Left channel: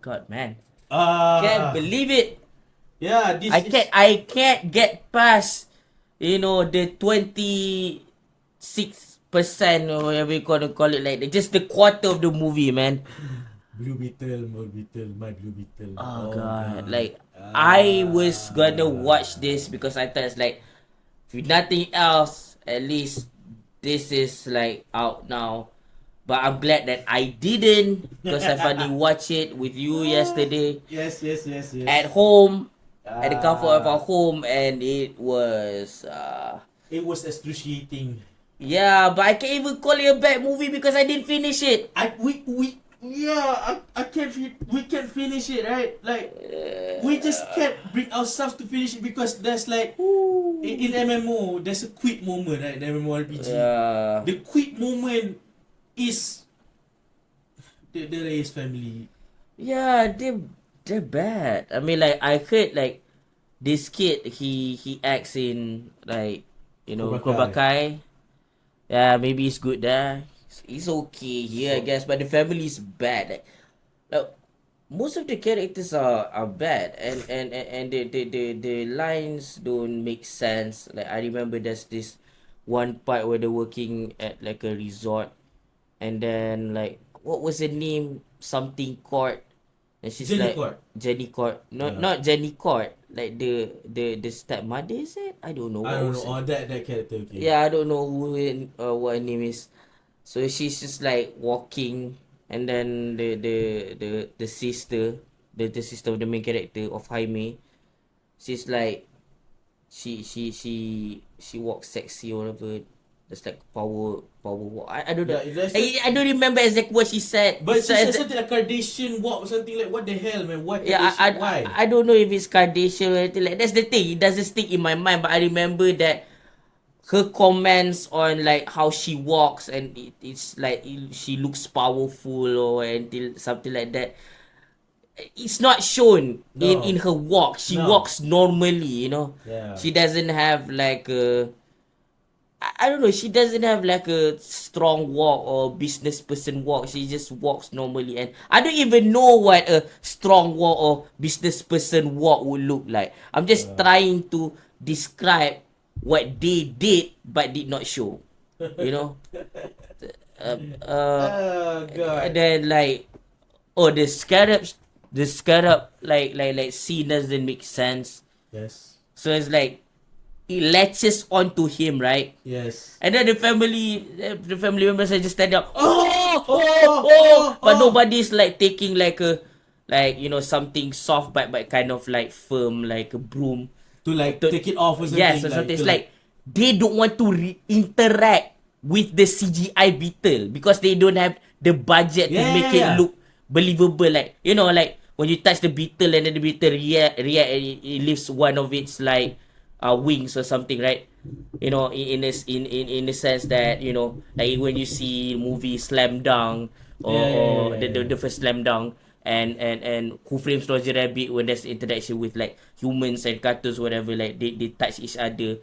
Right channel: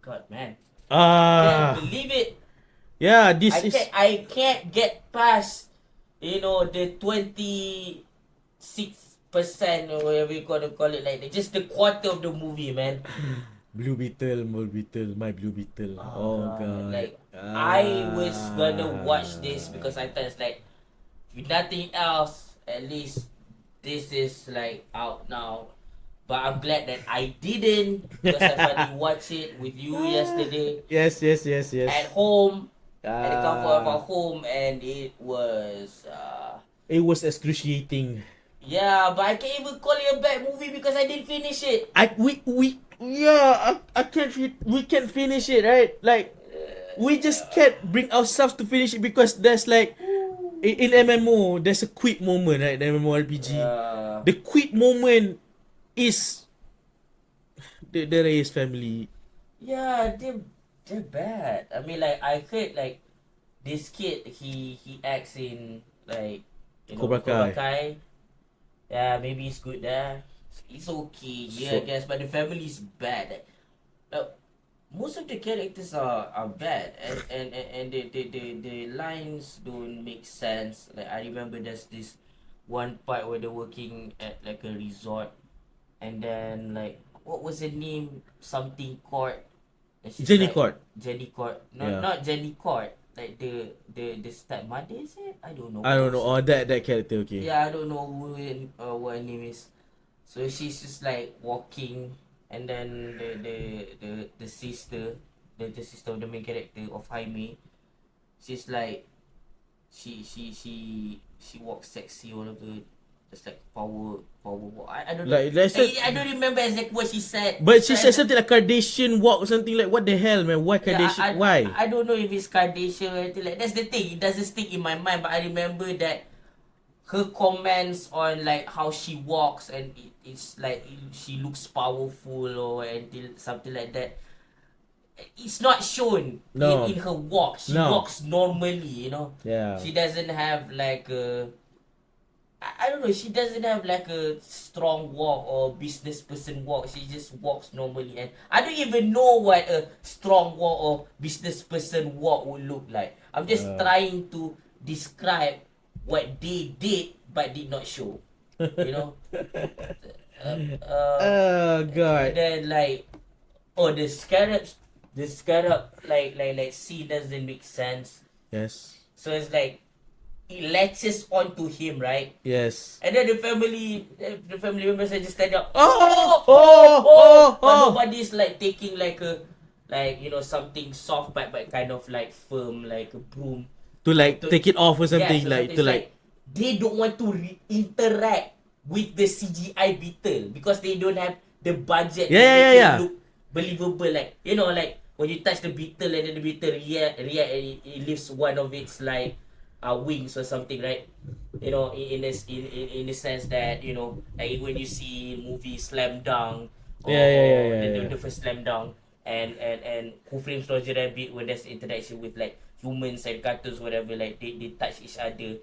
god, man. Can't Ah, believe it. yeah, this is I can't get past, the 26% or whatever you gonna call it, like just the quarter of the movie, man. Blue Beetle, my Blue Beetle. Oh Oh god, god. like I was gonna watch Ah. this because I thought it's like, if nothing else, at least this is like out now. But I'm glad that I didn't, because I finally watched it with you yesterday Yes, yes, yes, yes. at home, at the comfort of our Ah, home, and it was it was excruciating. yeah, but I can't even call it a bad movie because I didn't finish it. We yeah, I can't we can finish it, right? Like we just can't bring ourselves to finish it because there's like in MMO there's a quit moment, right? The MMORPG. Yeah. The quit moment is the Reyes family. Yeah, they're bad. I mean, like I heard like this kid, he acts in like Cobra Cobra Kai. Kai. Yeah, maybe he's good there. He's okay here, I So guess, but the family is bad. Like, most of the characters are bad, and the lines don't make sense. Like I remember there's this one part where they're working at like a resort, and then like what was the name, something court, and she's Jenny like Court. Jenny Court, not Yeah. not Jenny Court, like the stepmother, is it? I don't know I what don't was know. it. Oh, that character. Okay. Yeah, I don't know what her name is. So she's just like walking, and then the sister, the sister of the main character of Jaime, she's like she walks sexy or whatever. That's like power walk. I don't know. Yeah, that's it. I don't remember exactly what she said. But So she said something like Kardashian walk or something like what the hell, man? Why yeah, Kardashian? Why? I don't know if it's Kardashian or anything like. That's the thing. It doesn't stick in my mind, but I remember that her comments on like how she walks, and it's like she looks powerful or until something like that. It's not shown No. in her walk. She No. walks normally. Yeah. She doesn't have like a, I don't know, she doesn't have like a strong walk or business person walk. She just walks normally, and I don't even know what a strong walk or business person walk would look like. I'm just trying to describe what they did but did not show. You know? Oh And god. then like, oh, the scarab like scene doesn't make sense. Yes. So it's like it latches onto him, right? Yes. And then the family members are just stand up, Oh, oh, oh, oh, oh, oh, but oh. nobody's like taking like a, like something soft but kind of like firm, like a broom. To like To, take it off or something. yes, or Like something. to It's like they don't want to interact with the CGI Beetle because they don't have the budget to yeah, make yeah, it yeah. look believable. Like like when you touch the Beetle and then the Beetle react, and it lifts one of its like wings or something, right? In a sense that like when you see movie Slam Dunk, or, Yeah, yeah, or yeah, yeah, the, the yeah. the first Slam Dunk, and Who Framed Roger Rabbit, when there's interaction with like humans and cartoons, whatever, like they touch each other.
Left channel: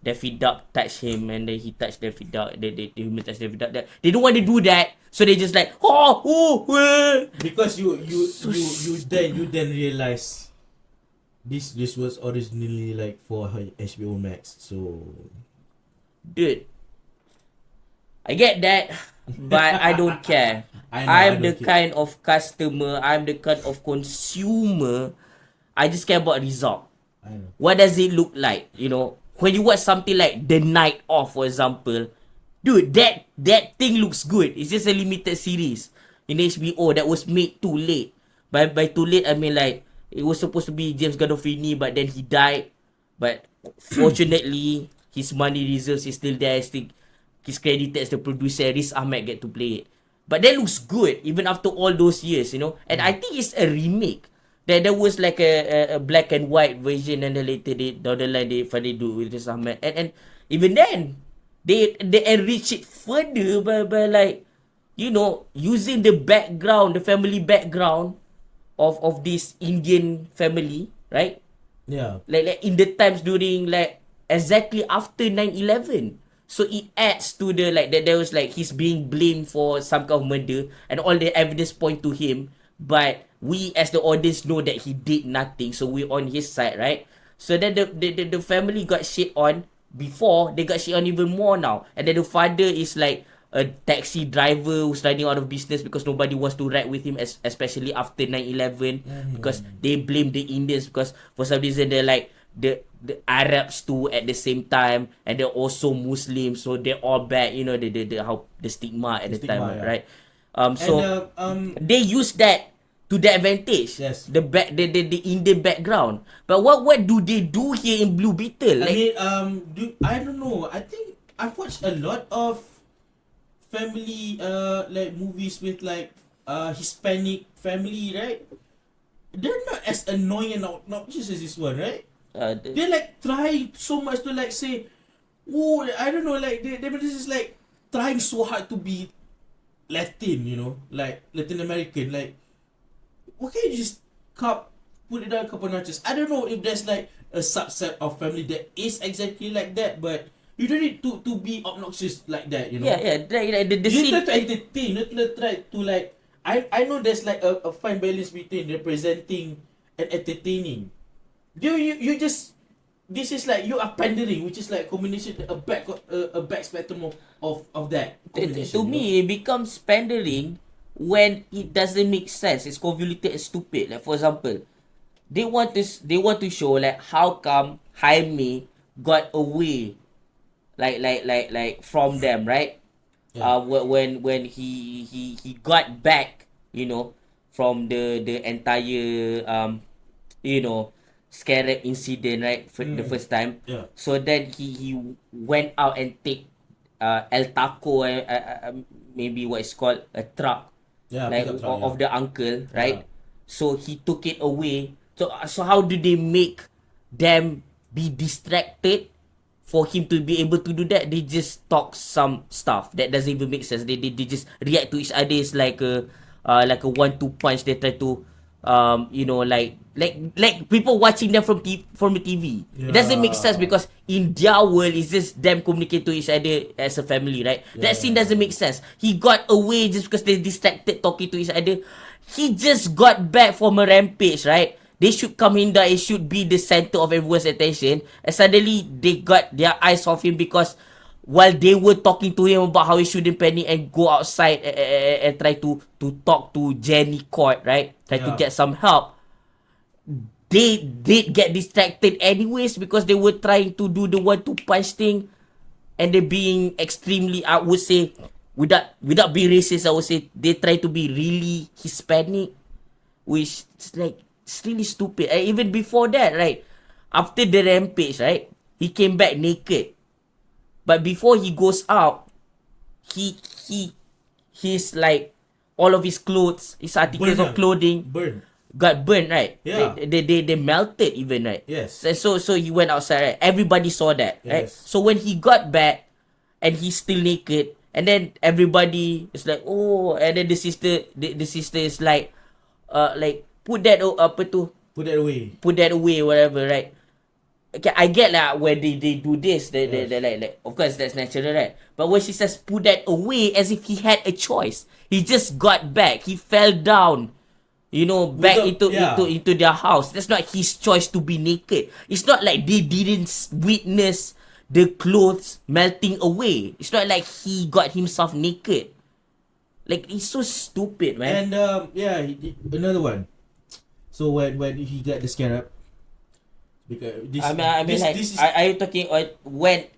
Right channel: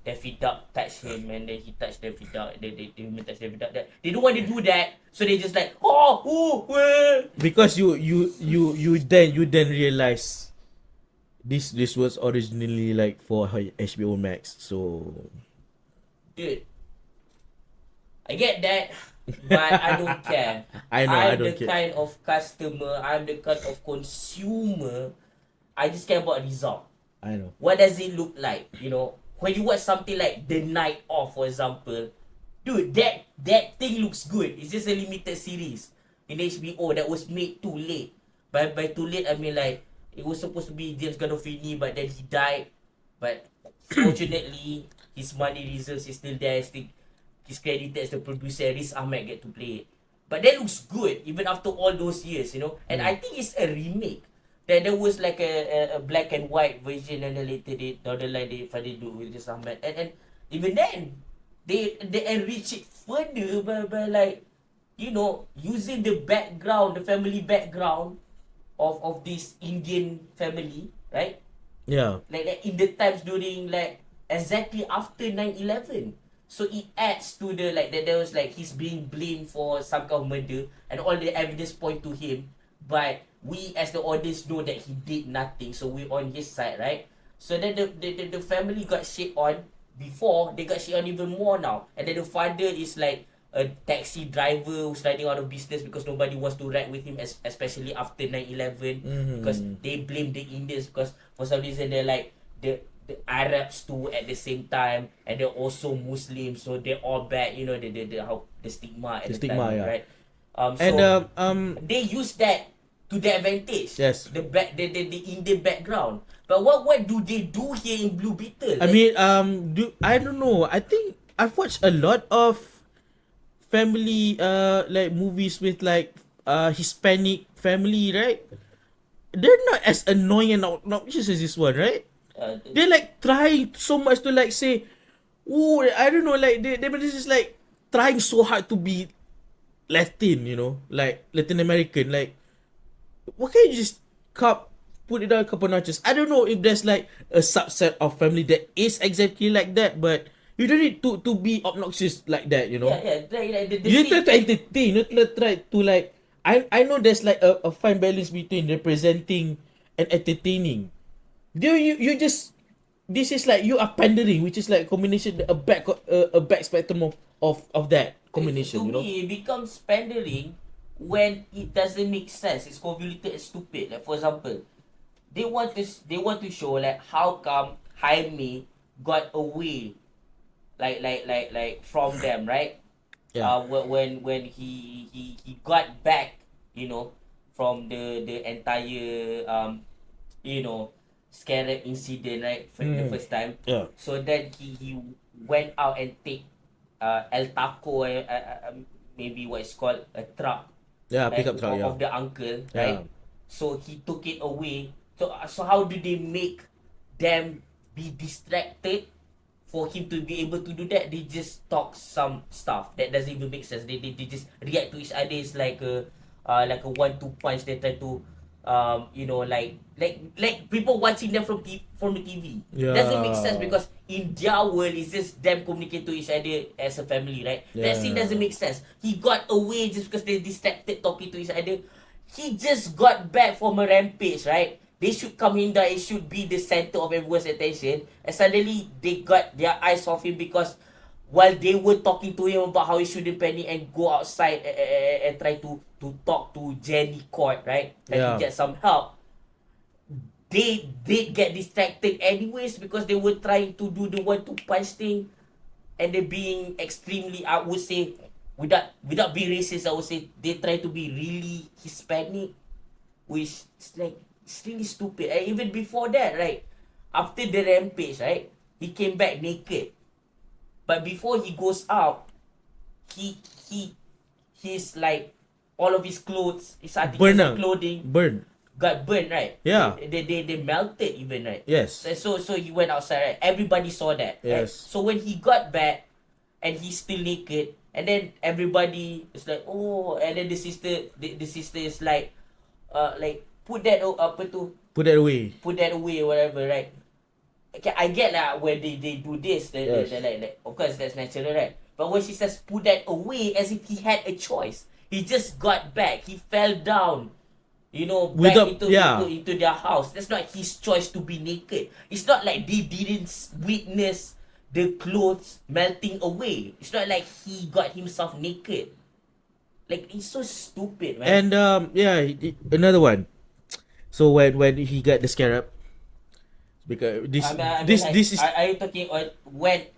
Daffy Duck touch him, and then he touched Daffy Duck. The human touch Daffy Duck. They don't want to do that, so they just like, Because you then realize this was originally like for HBO Max. So dude. I get that, but I don't care. I know, I I'm don't the care. kind of customer, I'm the kind of consumer. I just care about result. I know. What does it look like? When you watch something like The Night Of, for example, dude, that thing looks good. It's just a limited series in HBO that was made too late. By too late, I mean like it was supposed to be James Gandolfini, but then he died. But fortunately, his money reserves is still there. He's credited as the producer. Riz Ahmed get to play it. But that looks good even after all those years. And I think it's a remake. There was like a black and white version, and then later down the line they finally do with Riz Ahmed. And even then, they enrich it further by like using the family background of this Indian family, right? Yeah. Like in the times during like exactly after 9/11. So it adds to the like that there was like he's being blamed for some kind of murder, and all the evidence point to him, but we as the audience know that he did nothing, so we're on his side, right? So then the family got shit on before, they got shit on even more now. And then the father is like a taxi driver who's running out of business because nobody wants to ride with him, especially after 9/11, because they blame the Indians because for some reason they're like the Arabs too at the same time, and they're also Muslims, so they're all bad, you know, the how the stigma at the time, stigma, yeah. right? So they use that to their advantage. Yes. The Indian background. But what do they do here in Blue Beetle? I mean, I don't know. I think I've watched a lot of family like movies with like Hispanic family, right? They're not as annoying and obnoxious as this one, right? They're like trying so much to like say, oh, I don't know, like they just like trying so hard to be Latin, you know, like Latin American. Like, why can't you just put it down a couple notches? I don't know if there's like a subset of family that is exactly like that, but you don't need to be obnoxious like that, you know. Yeah, like the You scene. try to entertain, not try to like. I know there's like a fine balance between representing and entertaining. You just, this is like you are pandering, which is like combination a back spectrum of that combination. To me, it becomes pandering when it doesn't make sense. It's convoluted and stupid. Like for example, they want to show like how come Jaime got away, like from them, right? Yeah. When he got back, you know, from the entire you know, scarab incident, right? For the first time. Yeah. So then he went out and take El Taco, maybe what is called a truck, Yeah, like pickup truck, of the uncle, right? Yeah. So he took it away. So how do they make them be distracted for him to be able to do that? They just talk some stuff that doesn't even make sense. They just react to each other. It's like a 1-2 punch. They try to you know, like people watching them from the TV. It doesn't make sense Yeah. because in their world it's just them communicate to each other as a family, right? That scene Yeah. doesn't make sense. He got away just because they distracted talking to each other. He just got back from a rampage, right? They should come in there. It should be the center of everyone's attention. And suddenly they got their eyes off him because while they were talking to him about how he shouldn't panic and go outside and try to talk to Jenny Court, right? Try to Yeah. get some help. They did get distracted anyways because they were trying to do the 1-2 punch thing, and they're being extremely, I would say, without being racist, I would say they try to be really Hispanic, which is like, it's really stupid. And even before that, right, after the rampage, right, he came back naked. But before he goes out, he he's like all of his clothes, his articles of clothing Burn. got burned, right? Yeah. They melted even, right? Yes. So he went outside, right? Everybody saw that, right? Yes. So when he got back and he's still naked, and then everybody is like, oh, and then the sister is like put that Put that away. whatever, right? Okay, I get like when they do this, Yes. they like of course that's natural, right? But when she says put that away, as if he had a choice. He just got back. He fell down, you know, back into their house. That's not his choice to be naked. It's not like they didn't witness the clothes melting away. It's not like he got himself naked. Like, it's so stupid, man. And another one. So when he got the scarab, because this I mean, this like, this is are you talking when?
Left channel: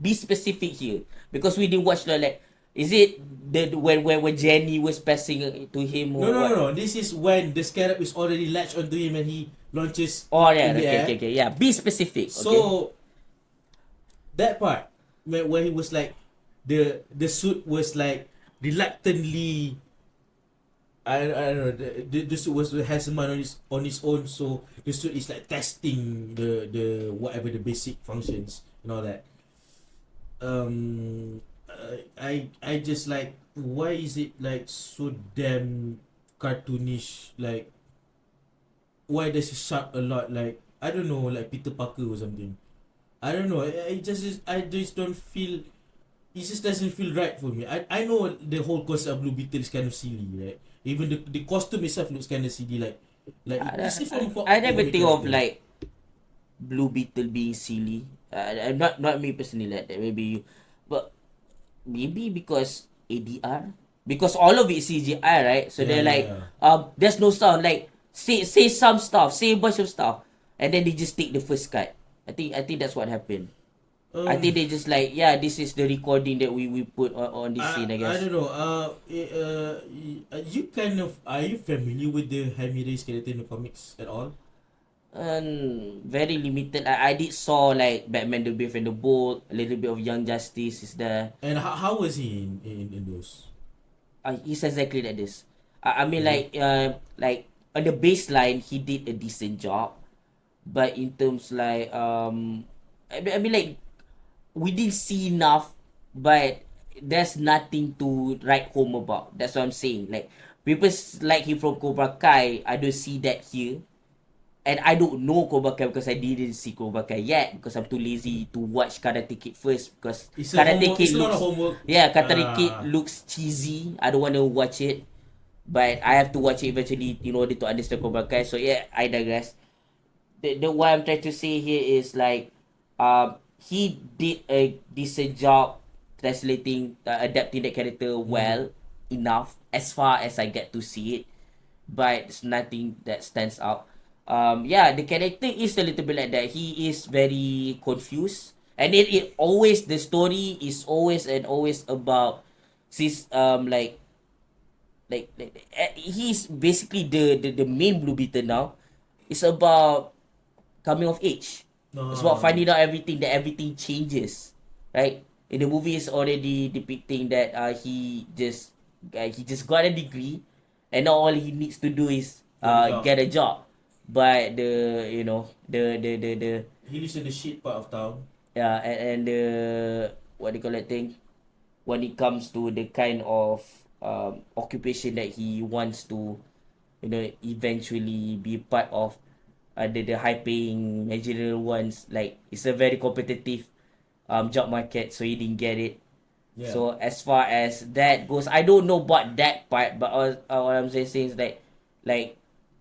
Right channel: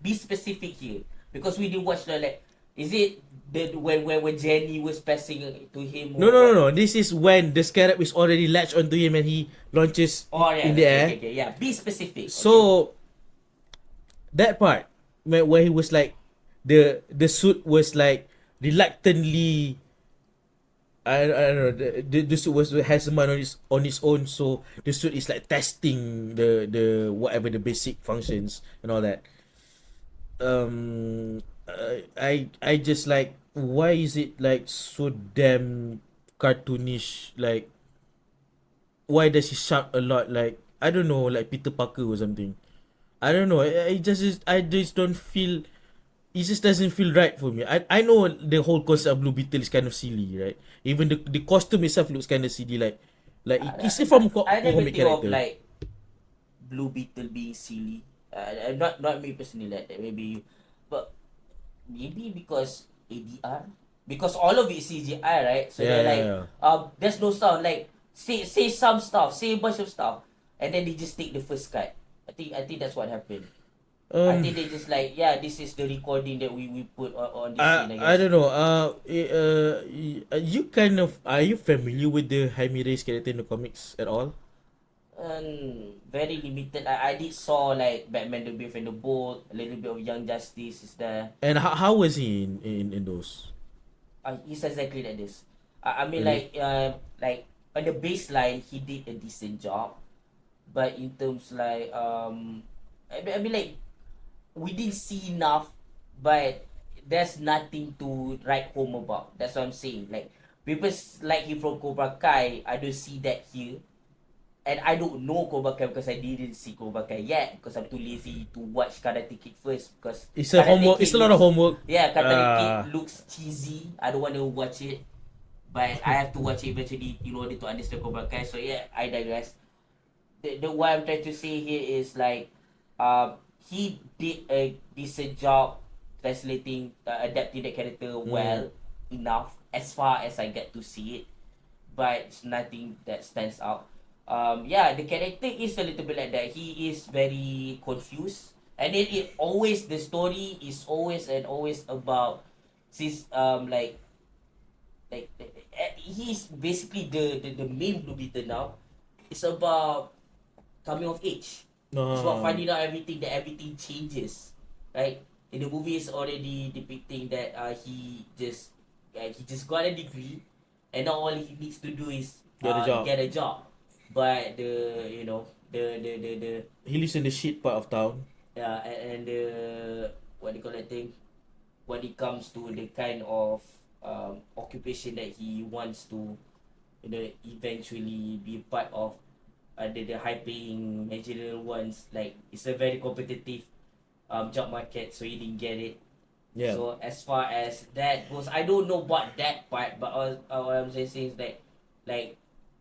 Be specific here, because we didn't watch the like. Is it when Jenny was passing to him? Or no. This is when the scarab is already latched onto him and he launches Oh yeah, in the air. okay. Yeah, be specific. So that part where he was like the suit was like reluctantly, I don't know, the suit was has a man on his own, so the suit is like testing the whatever the basic functions and all that. I just like, why is it like so damn cartoonish? Like, why does he shout a lot? Like, I don't know, like Peter Parker or something. I don't know. I just don't feel it just doesn't feel right for me. I know the whole concept of Blue Beetle is kind of silly, right? Even the costume itself looks kind of silly, like it's from I never comic think of character. like Blue Beetle being silly. Not me personally like that. Maybe you, but maybe because ADR, because all of it is CGI, right? So Yeah, they're yeah, like, yeah. there's no sound. Like say some stuff, say a bunch of stuff, and then they just take the first cut. I think that's what happened. I Um, think they just like, yeah, this is the recording that we put on this scene, I I guess. don't know. You kind of are you familiar with the Jaime Reyes character in the comics at all? Very limited. I did saw like Batman the Brave and the Bold, a little bit of Young Justice is there. And how was he in those? He's exactly like this. I mean Really? like on the baseline he did a decent job, but in terms like I mean like we didn't see enough, but there's nothing to write home about. That's what I'm saying. Like people like him from Cobra Kai, I don't see that here. And I don't know Cobra Kai because I didn't see Cobra Kai yet because I'm too lazy to watch Karate Kid first because It's a Karate homework. It's Kid a lot of looks, homework. yeah, Karate Kid looks cheesy. I don't want to watch it, but I have to watch it eventually in order to understand Cobra Kai. So yeah, I digress. The what I'm trying to say here is like, he did a decent job translating, adapting that character well enough as far as I get to see it, but it's nothing that stands out. Yeah, the character is a little bit like that. He is very confused, and it always the story is always and always about this he's basically the main Blue Beetle now. It's about coming of age. It's about Uh, finding out everything, that everything changes, right? In the movie, it's already depicting that he just got a degree, and now all he needs to do is Get a job. get a job. But the you know the He lives in the shit part of town. yeah, and the what do you call that thing, when it comes to the kind of occupation that he wants to eventually be part of, the high paying managerial ones, like it's a very competitive job market, so he didn't get it. Yeah. So as far as that goes, I don't know about that part, but what I'm saying is like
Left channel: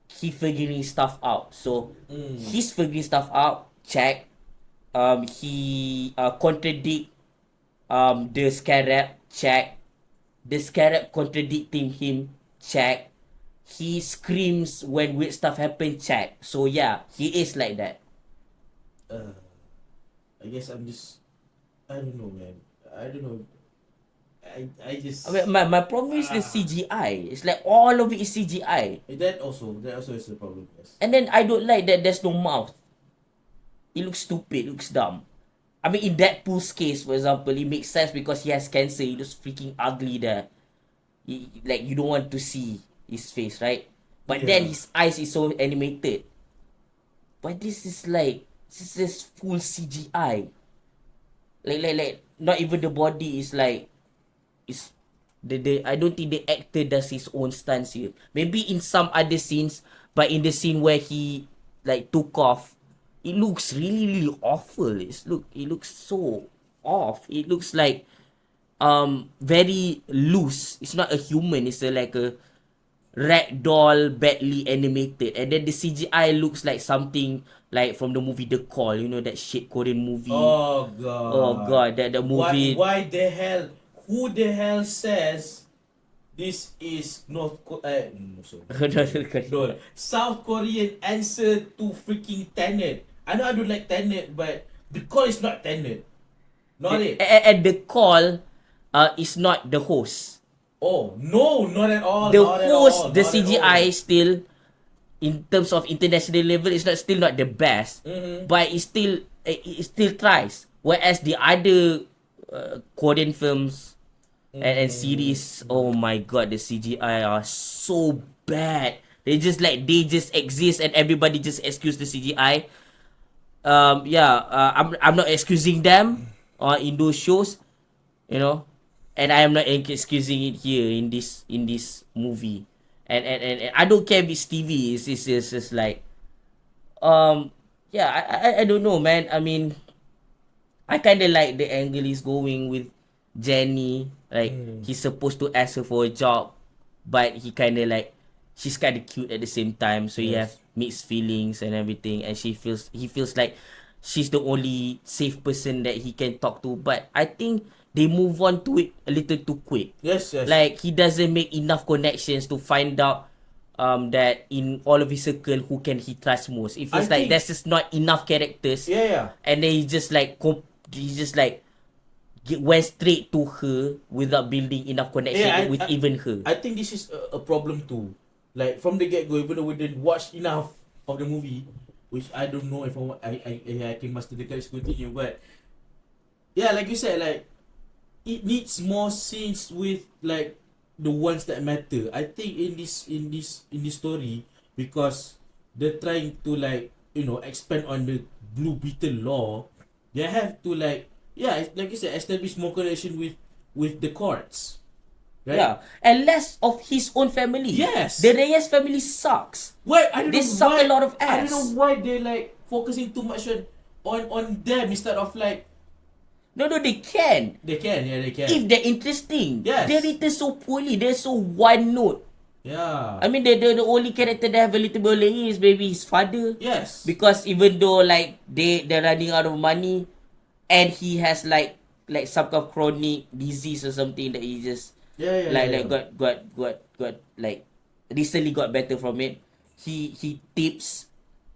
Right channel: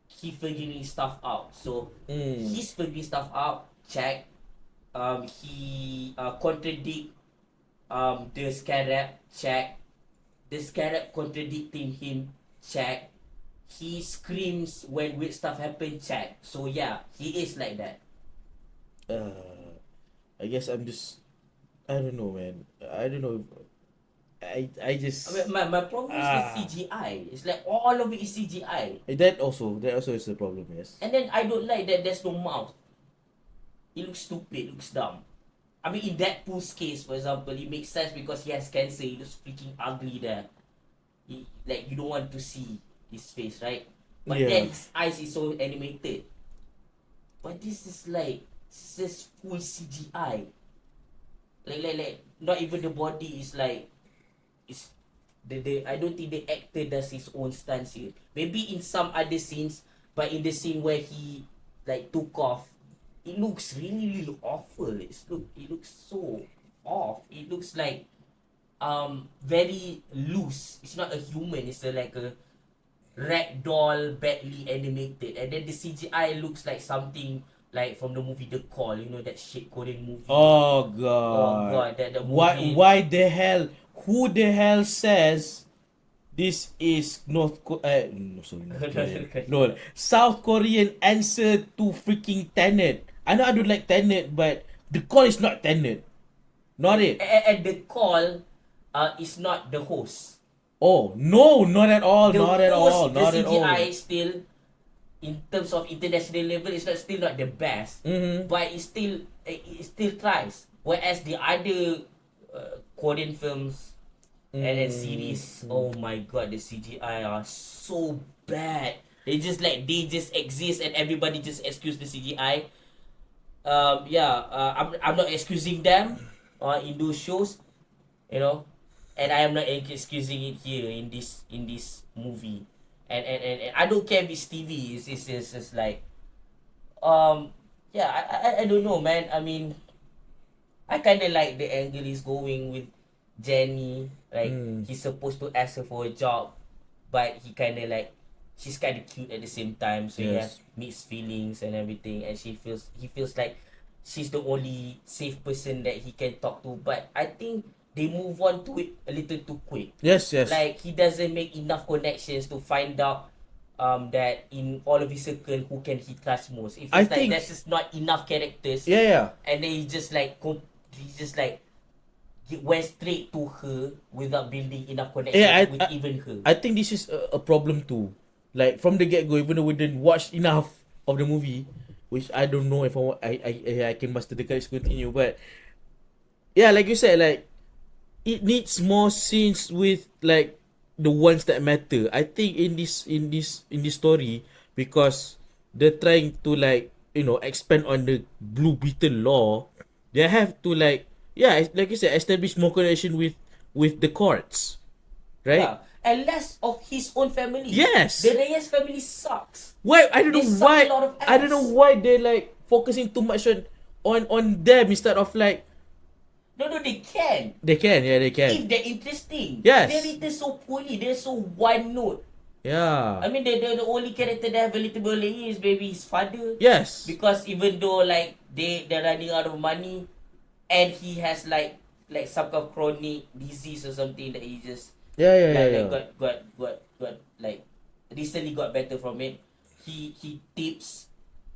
he figuring stuff out. So he's figuring stuff out. Check. He contradict the Scarab. Check. The Scarab contradicting him. Check. He screams when weird stuff happen. Check. So yeah, he is like that. Uh, I guess I'm just. I don't know, man. I don't know. I just. I mean, my problem is the CGI. It's like all of it is CGI. That also is the problem. Yes. And then I don't like that there's no mouth. It looks stupid, looks dumb. I mean, in Deadpool's case, for example, it makes sense because he has cancer. He looks freaking ugly there. Like, you don't want to see his face, right? But Yeah. then his eyes is so animated. But this is full CGI. Like, not even the body is like, is I don't think the actor does his own stunts here. Maybe in some other scenes, but in the scene where he like took off, it looks really really awful. It looks so off. It looks like very loose. It's not a human. It's like a rag doll badly animated, and then the CGI looks like something like from the movie The Call. You know that shit Korean movie. Oh Oh God. god, that the Why? movie. Why the hell? Who the hell says this is no, sorry. No, South Korean answer to freaking Tenet. I know I don't like Tenet, but the call is not Tenet. Not it. And the Call is not the host. Oh no, not at all. The Not at all. host, the Not at all. CGI still, in terms of international level, it's still not the best, but it still tries. Whereas the other Korean films and series, oh my god, the CGI are so bad. They just exist and everybody just excuse the CGI. I'm not excusing them in those shows, you know, and I am not excusing it here in this movie. And I don't care if it's TV. It's just like yeah, I don't know, man. I mean, I kind of like the angle he's going with Jenny, like he's supposed to ask her for a job, but he kind of like she's kind of cute at the same time, so he have Yes. mixed feelings and everything, and he feels like she's the only safe person that he can talk to. But I think they move on to it a little too quick. Yes. Like he doesn't make enough connections to find out that in all of his circle who can he trust most. It feels I like think- there's just not enough characters, Yeah. and then he just like went straight to her without building enough connection with even her. I think this is a problem too. Like from the get go, even though we didn't watch enough of the movie, which I don't know if I can master the guys continue, but yeah, like you said, like it needs more scenes with like the ones that matter. I think in this story, because they're trying to like expand on the Blue Beetle law, they have to like like you said, establish more connection with the courts, right? Yeah, and less of his own family. Yes. The Reyes family sucks. Why I don't They know suck why a lot of I don't ass. know why they like focusing too much on them instead of like No, they can. they can. If they're interesting. Yes. They're written so poorly. They're so one note. Yeah. I mean, the only character that have a little bit of is maybe his father. Yes. Because even though like they're running out of money, and he has like some kind of chronic disease or something that he just Yeah. got like recently got better from it. He tips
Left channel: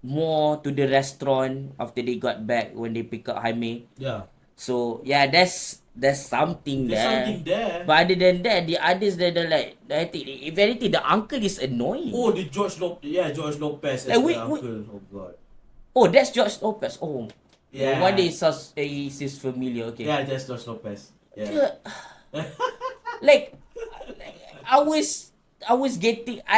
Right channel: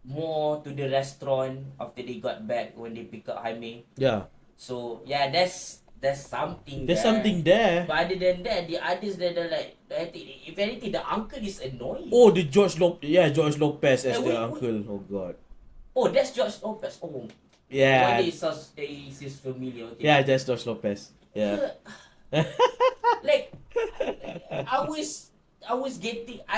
more to the restaurant after they got back when they pick up Jaime. Yeah. So yeah, there's something There's there. something there. But other than that, the others that are like, I think if anything, the uncle is annoying. Oh, the George Lopez as the wait. uncle. Oh god. Oh, that's George Lopez. Oh, Yeah. one day he's familiar. Okay. Yeah, that's George Lopez. Yeah. like I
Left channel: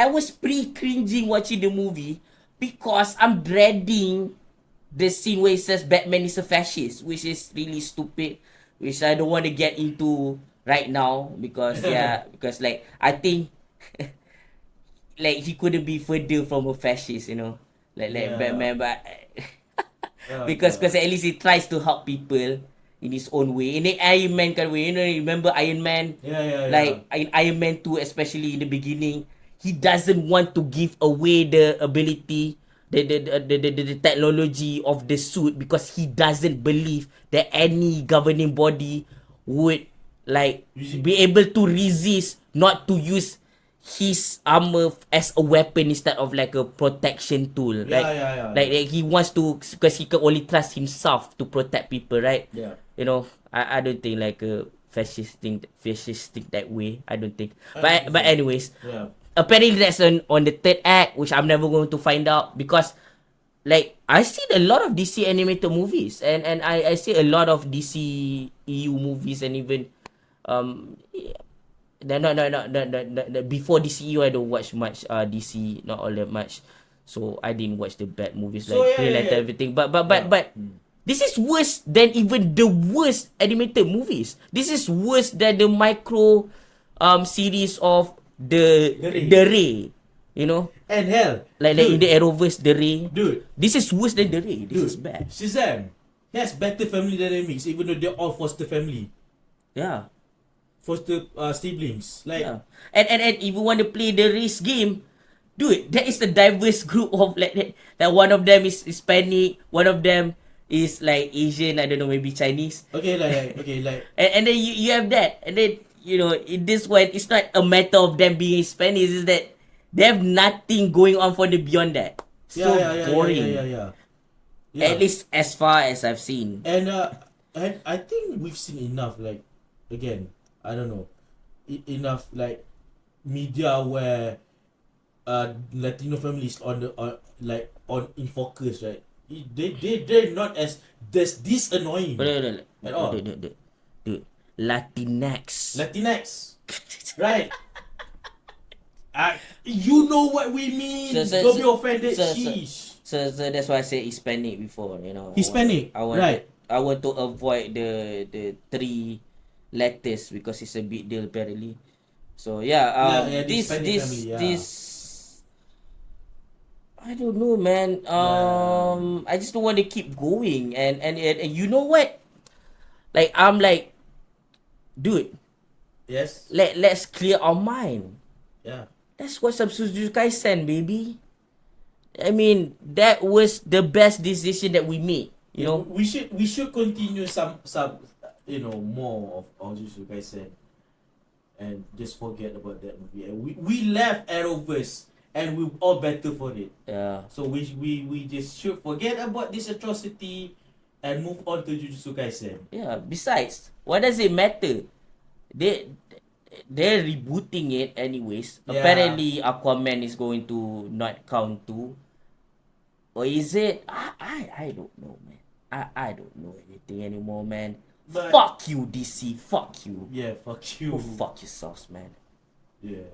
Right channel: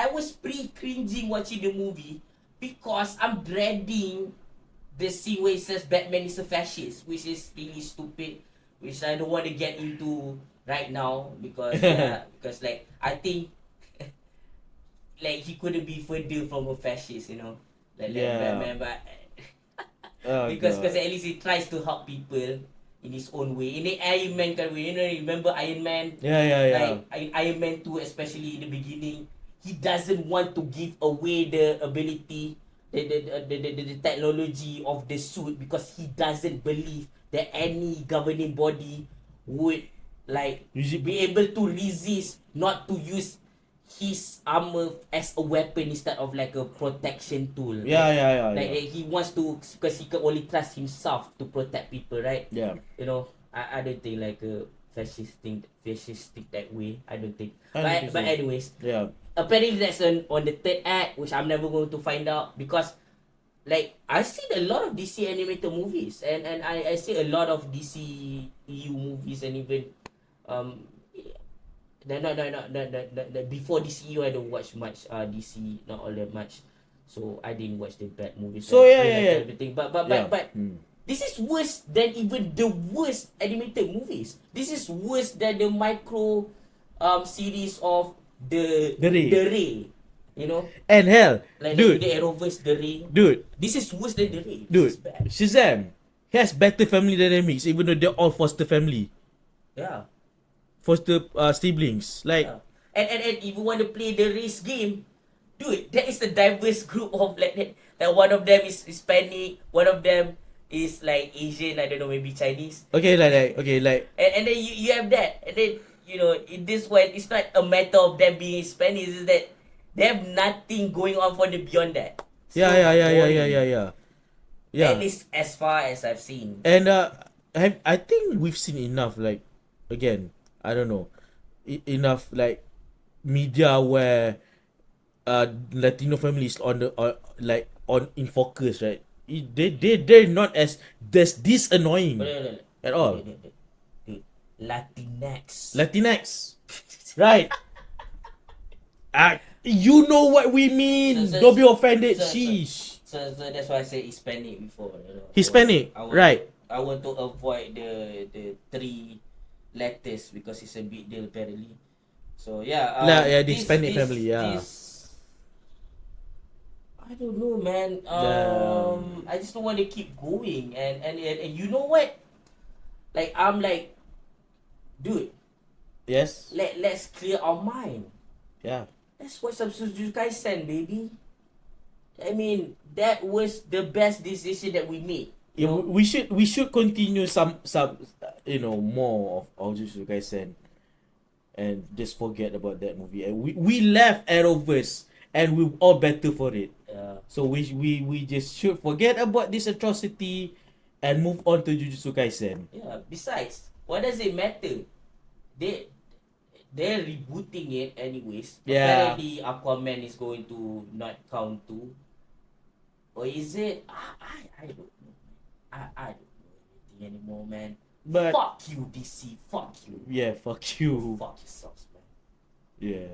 was pre-cringing watching the movie because I'm dreading the scene where it says Batman is a fascist, which is really stupid, which I don't want to get into right now because because like I think like he couldn't be further from a fascist, like Batman, but because at least he tries to help people in his own way, in the Iron Man kind of way. Remember Iron Man? Yeah. Like in Iron Man 2, especially in the beginning, he doesn't want to give away the ability, the technology of the suit because he doesn't believe that any governing body would like be able to resist not to use his armor as a weapon instead of like a protection tool. Yeah. Like he wants to, because he can only trust himself to protect people, right? Yeah. I don't think like a fascist think that way. I don't think. I don't think But so. anyways, Yeah. apparently that's on the third act, which I'm never going to find out because like I see a lot of DC animated movies and I see a lot of DC EU movies and even before DCU I don't watch much DC, not all that much. So I didn't watch the bad movies So, like yeah. everything. But this is worse than even the worst animated movies. This is worse than the micro series of the Ray. And hell, Like in the Arrowverse, the Ray. dude, This is worse than the Ray. This is bad. Shazam has better family dynamics, even though they're all foster family, Yeah. foster siblings. Like, Yeah. And if you want to play the race game, dude, that is a diverse group of like that. That one of them is Hispanic, one of them is like Asian, I don't know, maybe Chinese. okay, And then you have that. And then, in this one, it's not a matter of them being Hispanic, it's that they have nothing going on for the beyond that. So boring. Yeah. At least as far as I've seen. And I think we've seen enough. Like, again, I don't know, enough like media where Latino families on in focus, right? They're not as this annoying at all. Dude, Latinx. Right? You know what we mean. Don't be offended. Sheesh. So that's why I said Hispanic before, Hispanic, right? I want to avoid the three letters because it's a big deal apparently. So yeah, the Hispanic family, yeah. this I don't know, man. I just don't want to keep going, and you know what? Like I'm like dude, Yes. let's clear our mind. Yeah. That's what's up Jujutsu Kaisen, baby. I mean, that was the best decision that we made. You know, We should continue some more of Jujutsu Kaisen and just forget about that movie. And we left Arrowverse and we're all better for it. yeah, So we just should forget about this atrocity and move on to Jujutsu Kaisen. yeah. Besides, what does it matter? They they're rebooting it anyways. Yeah. Apparently, Aquaman is going to not count too. Or is it? I don't know, man. I don't know anything anymore, man. But Fuck you, DC. Fuck you. yeah, fuck you. Go fuck yourselves, man. Yeah.